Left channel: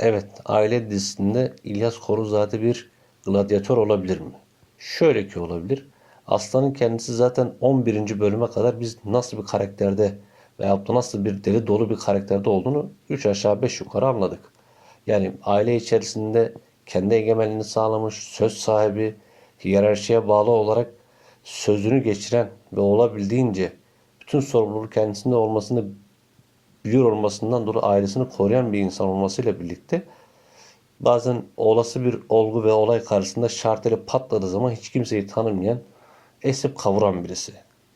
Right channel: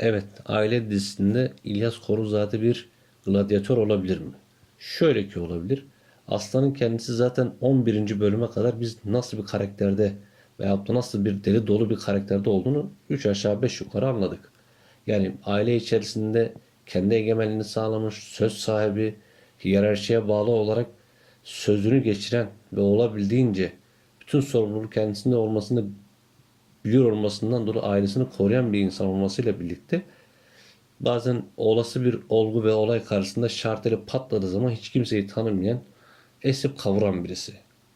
Evet, aile dizisinde İlyas Koruzade bir gladyatör olabilir mi? Şöyle ki olabilir. Aslan'ın kendisi zaten 11. bölüme kadar biz nasıl bir karakterde veyahut da nasıl bir deli dolu bir karakterde olduğunu 3 aşağı 5 yukarı anladık. Yani aile içerisinde kendi egemenliğini sağlamış, söz sahibi, hiyerarşiye bağlı olarak sözünü geçiren ve olabildiğince bütün sorumluluğu kendisinde olmasını biliyor olmasından dolayı ailesini koruyan bir insan olmasıyla birlikte bazen olası bir olgu ve olay karşısında şartları patladığı zaman hiç kimseyi tanımayan, esip kavuran birisi.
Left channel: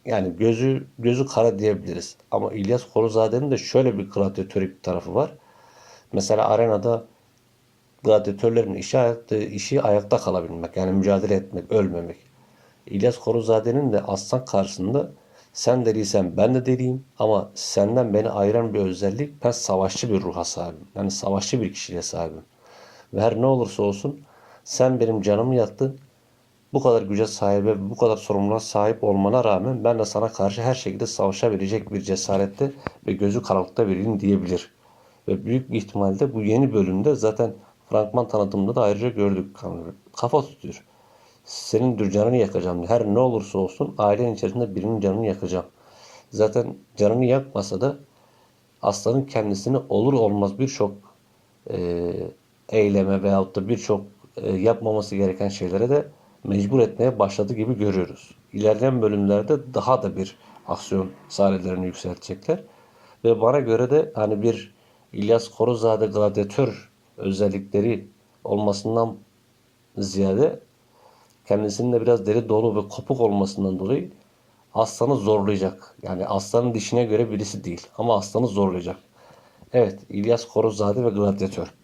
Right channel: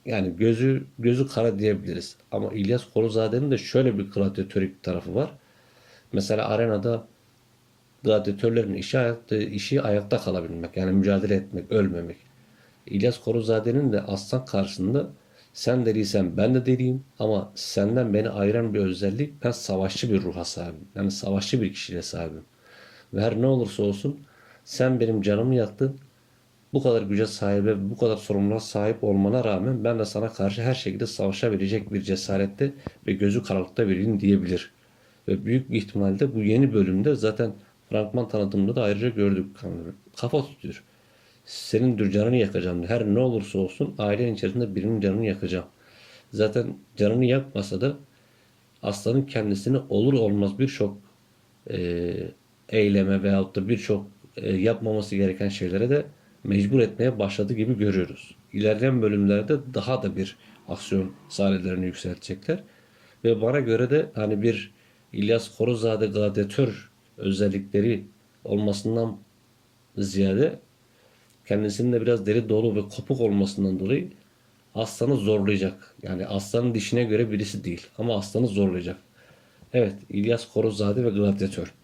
Yani gözü gözü kara diyebiliriz. Ama İlyas Koruzade'nin de şöyle bir gladyatörlük tarafı var. Mesela arenada gladyatörlerin işi, işi ayakta kalabilmek. Yani mücadele etmek, ölmemek. İlyas Koruzade'nin de aslan karşısında sen deliysen ben de deliyim ama senden beni ayıran bir özellik ben savaşçı bir ruha sahibim. Yani savaşçı bir kişiliğe sahibim. Ve her ne olursa olsun sen benim canımı yaktın. Bu kadar güce sahibe, bu kadar sorumluluğa sahip olmana rağmen ben de sana karşı her şekilde savaşabilecek bir cesarette ve gözü karanlıkta biriyim diyebilir. Ve büyük bir ihtimalle bu yeni bölümde zaten fragman tanıtımında da ayrıca gördük. Kafa tutuyor. Senin canını yakacağım. Her ne olursa olsun ailen içerisinde birinin canını yakacağım. Zaten canını yakmasa da aslanın kendisini olur olmaz birçok e, eyleme veyahut da birçok e, yapmaması gereken şeylere de mecbur etmeye başladı gibi görüyoruz. İlerleyen bölümlerde daha da bir aksiyon sahnelerini yükseltecekler. Ve bana göre de hani bir İlyas Koruzade gladyatör özellikleri olmasından ziyade kendisinin de biraz deli dolu ve kopuk olmasından dolayı aslanı zorlayacak. Yani aslanın dişine göre birisi değil ama aslanı zorlayacak. Evet İlyas Koruzade ve gladyatör.